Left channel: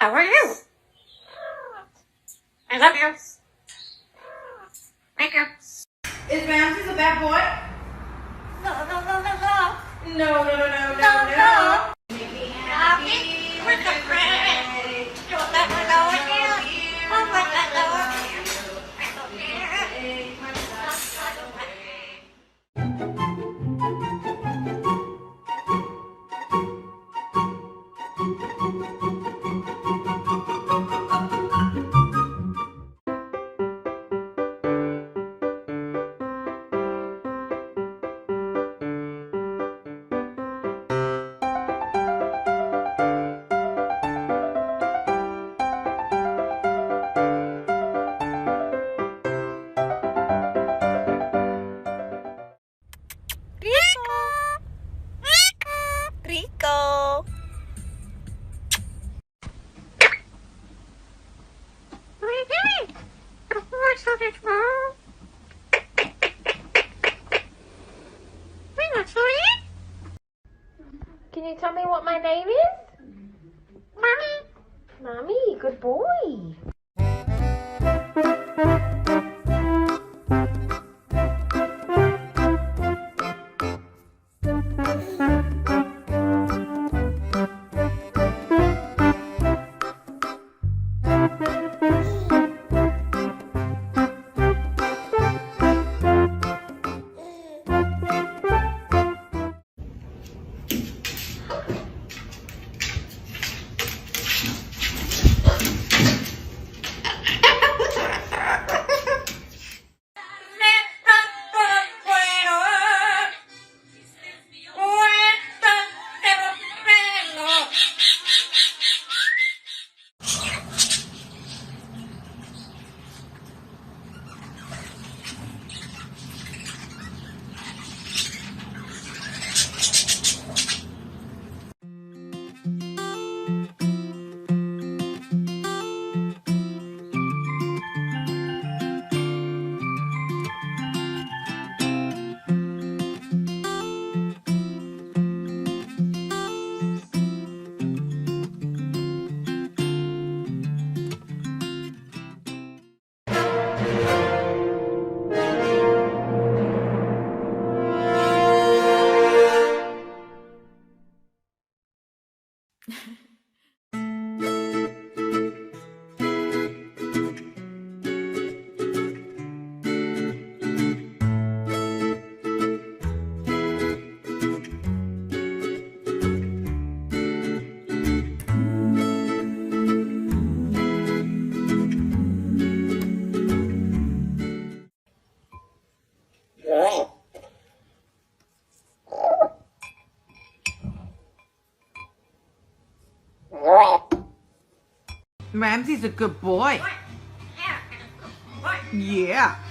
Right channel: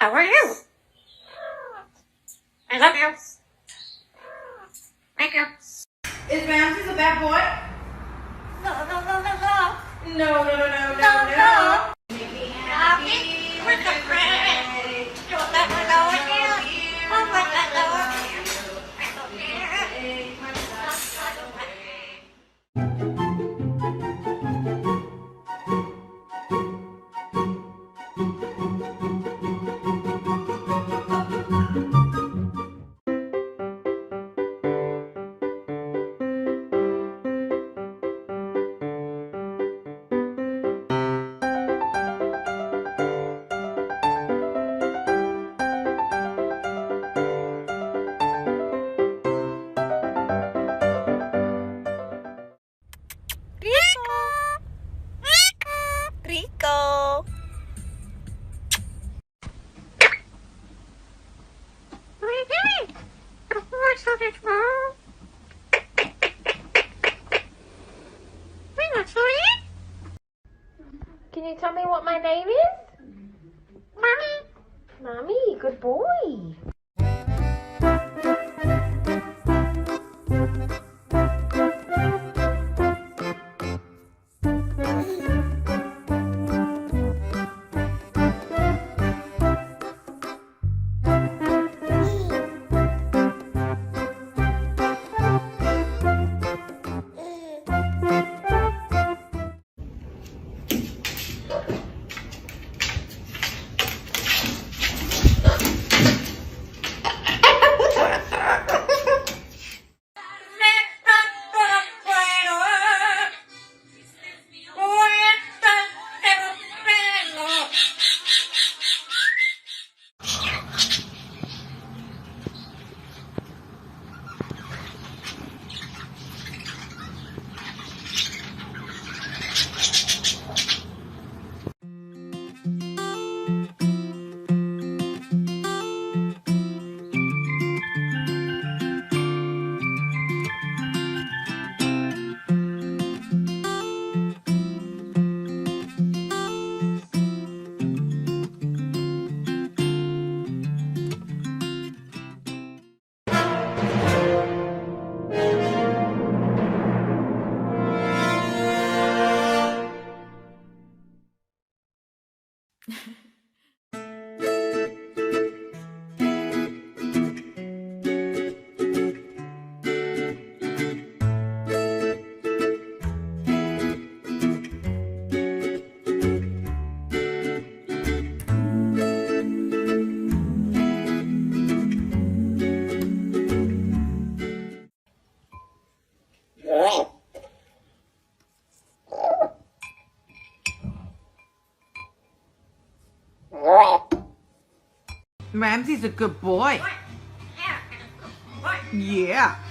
How are you? I love you. Thank you. Is Ramses a bad boy? No, no, no, no, no. No, no, no, no, No, no, no. no. Make me Happy with the friend. Don't let me know again. Don't let me know again. I don't care. I don't care. Rico. What are you doing? What's up, it's wrong? What's up? Can you tell me what my name is? Mommy. Mommy, good boy. Ramsey's a good boy. Yeah. Yeah.